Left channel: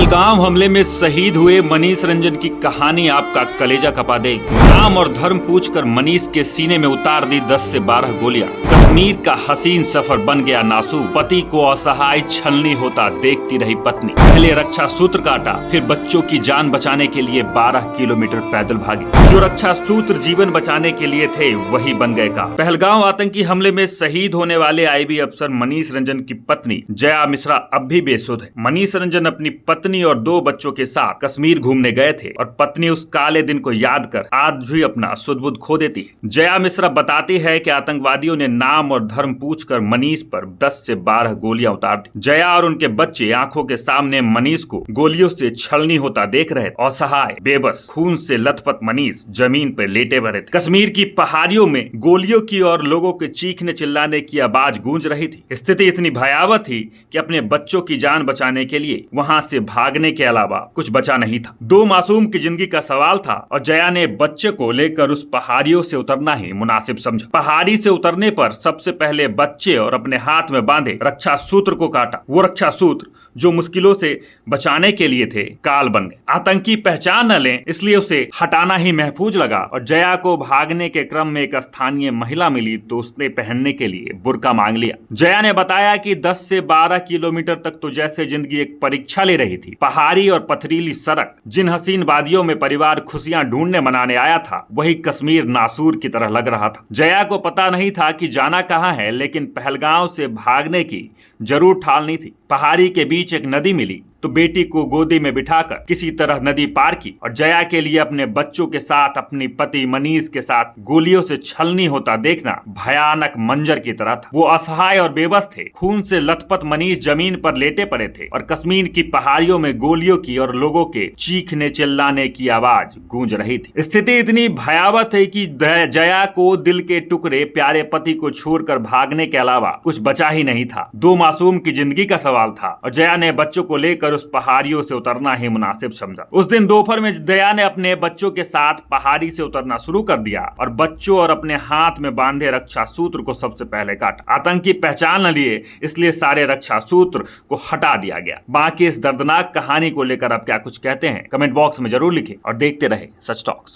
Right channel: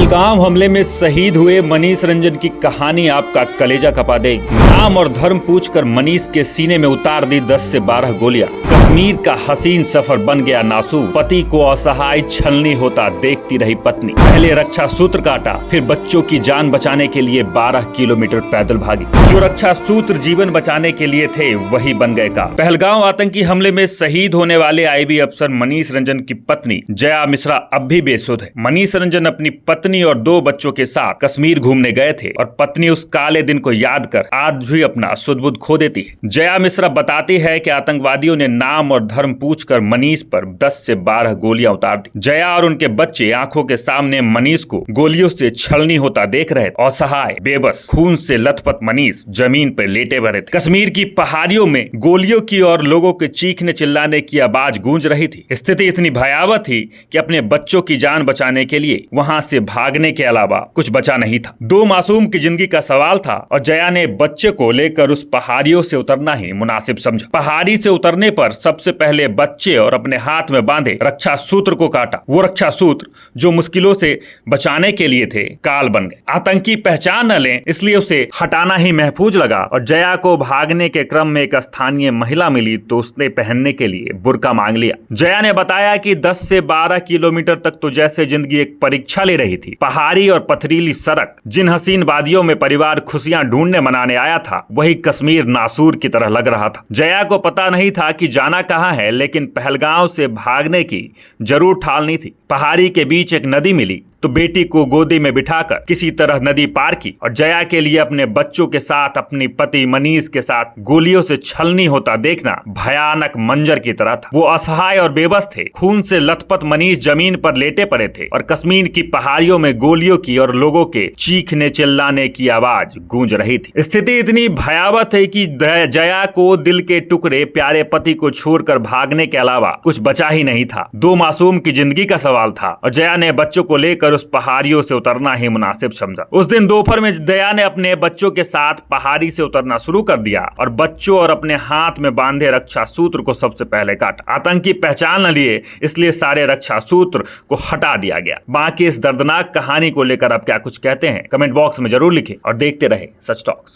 पहलगाम हमले में शहीद हुए मनीष रंजन की कहानी आपका कलेजा कपा देगी। नाम और धर्म पूछकर मनीष के सीने में उतार दी 10 से 12 गोलियां। कश्मीर का हसीन सफर बन गया नासूर। पति को असहाय छलनी होता देखती रही पत्नी। पहले रक्षा सूत्र काटा, फिर बच्चों की जान बचाने के लिए 12 किलोमीटर पैदल भागी। जो रक्षा सूत्र जीवन बचाने के लिए थे वही बन गए का। पहलगाम आतंकी हमले में शहीद होने वाले आईबी अफसर मनीष रंजन की पत्नी जया मिश्रा अब भी बेसुध है। मनीष रंजन अपनी पत्नी और 2 बच्चों के साथ कश्मीर घूमने गए थे और पत्नी उस काले दिन को याद कर आज भी अपना सुध-बुध खो देती है। जया मिश्रा बताती है कि आतंकवादियों ने नाम और धर्म पूछकर मनीष पर 10 से 12 गोलियां उतार दी। जया और उनके बच्चे आंखों के सामने मनीष को गोलियों से छलनी होता देख रहे थे। असहाय, बेबस, खून से लथपथ मनीष जमीन पर लेटे पड़े थे। कश्मीर की पहाड़ियों में गोलियों की और लोगों के चीखने चिल्लाने की आवाज गूंज रही थी। स्थिति इतनी भयावह थी कि अपने बच्चों की जान बचाने के लिए वहां से भागने के अलावा कुछ बचा नहीं था। 2 मासूम की जिंदगी का सवाल था और जया ने बच्चे को लेकर उस पहाड़ियों से उतरना ही मुनासिब समझा। पहाड़ी से उतरने पर सबसे पहले बच्चे और अपने हाथ में बांधे रक्षा सूत्र को काटा। वो रक्षा सूत्र जो मुश्किलों से बचाने के लिए थे काल बन गए। आतंकी पहचान न लें इसलिए उसे हटाना ही महफूज लगा और जया को भागने के क्रम में एक स्थानीय महिला मिली तो उसने पहनने के लिए बुर्का मांग लिया। जया ने बताया कि 10 से 12 किलोमीटर तक तो जैसे जिंदगी एक परीक्षा ले रही थी। पहाड़ी और पथरीली सड़क, जिन हसीन वादियों में परिवार खुशियां ढूंढने मनाने आया था वही कश्मीर नासूर की तरह लग रहा था। जया को पता नहीं था कि जाना कहां है, लेकिन पहलगाम से भागने की जरूर ठालनी थी। पहाड़ी के बीच एक नदी मिली तो बेटी को गोदी में बिठाकर किसी तरह नदी पार की और जया के लिए अपने बच्चों के साथ अपनी पति मनीष के साथ गोलियों से छलनी होता देखना भयानक मंजर की तरह था। वो असहाय और बेबस थे। खून से लथपथ मनीष जमीन पर लेटे पड़े थे और कश्मीर की पहाड़ियों में गोलियों की और लोगों के चीखने चिल्लाने की आवाज गूंज रही थी। स्थिति इतनी भयावह थी कि जया को दिल के टुकड़े प्यारे पति को छोड़कर भागने के अलावा कुछ बचा ही नहीं था। 2 मासूम की जिंदगी का सवाल था और जया ने बच्चों को लेकर उस पहाड़ियों से उतरना ही मुनासिब समझा। उस दिन दोपहर में जया ने अपने बच्चों के साथ पहाड़ी से उतरना शुरू कर दिया और बच्चों और अपने हाथ में बांधे रक्षा सूत्र को सबसे पहले काटा। आतंकी पहचान न लिए इसलिए सारे रक्षा सूत्र को हटा दिया गया। बाकी इस दर्दनाक कहानी को लेकर आप क्या कुछ कहते हैं कमेंट बॉक्स में जरूर लिखें और देखते रहे सच टॉक्स।